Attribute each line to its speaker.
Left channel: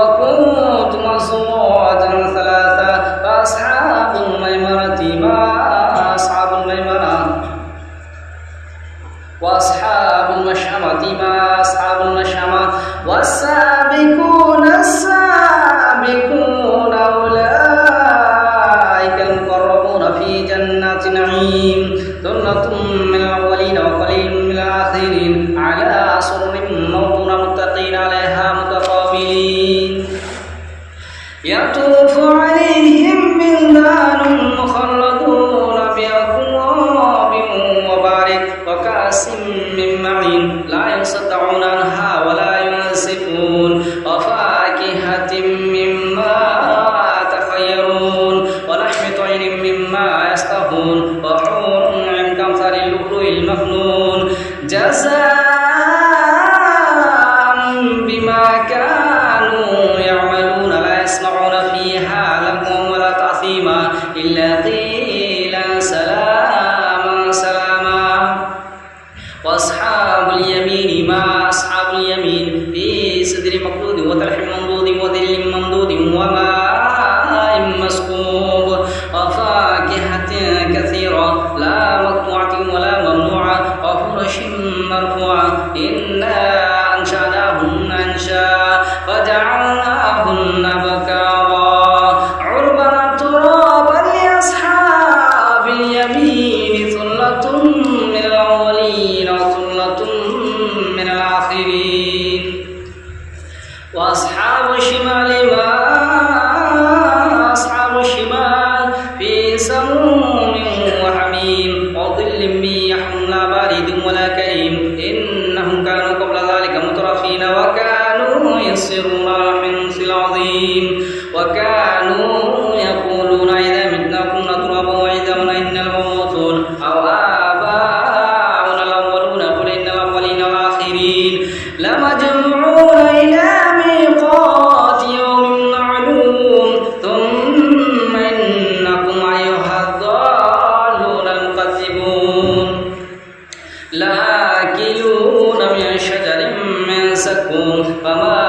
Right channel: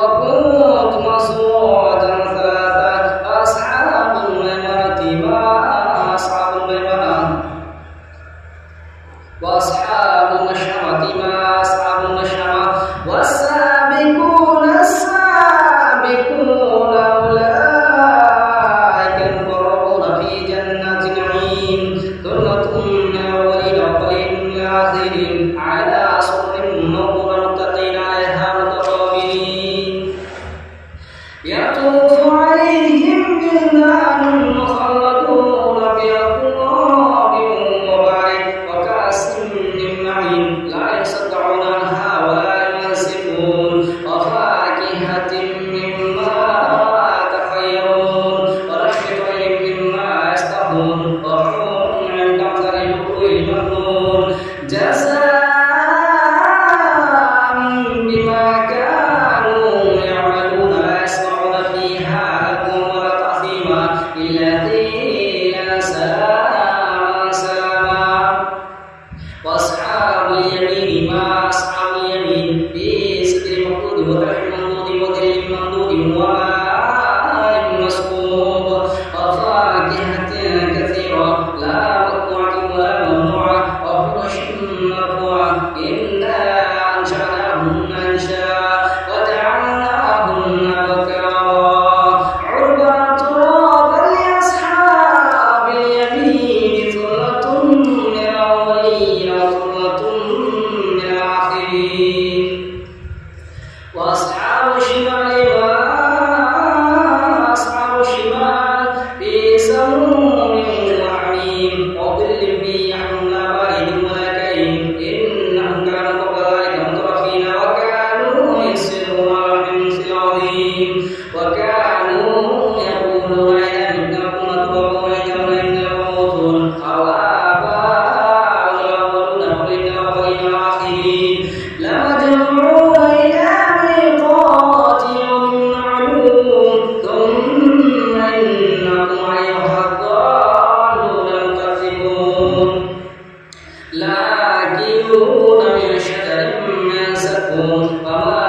Speaker 1: وكنتم أصواتا ثلاثة فأصحاب الميمنة ما أصحاب الميمنة وأصحاب المشأمة ما أصحاب المشأمة والسابقون بالمخلول جزاء بما كانوا يعملون. لا يسمعون فيها لكم ولا تعثيما إلا قيلا سلاما سلاما. وأصحاب اليمين ما أصحاب اليمين؟ وأصحاب شماله লাকিনুন মিন শাজারিন মিন সাকুম ফামা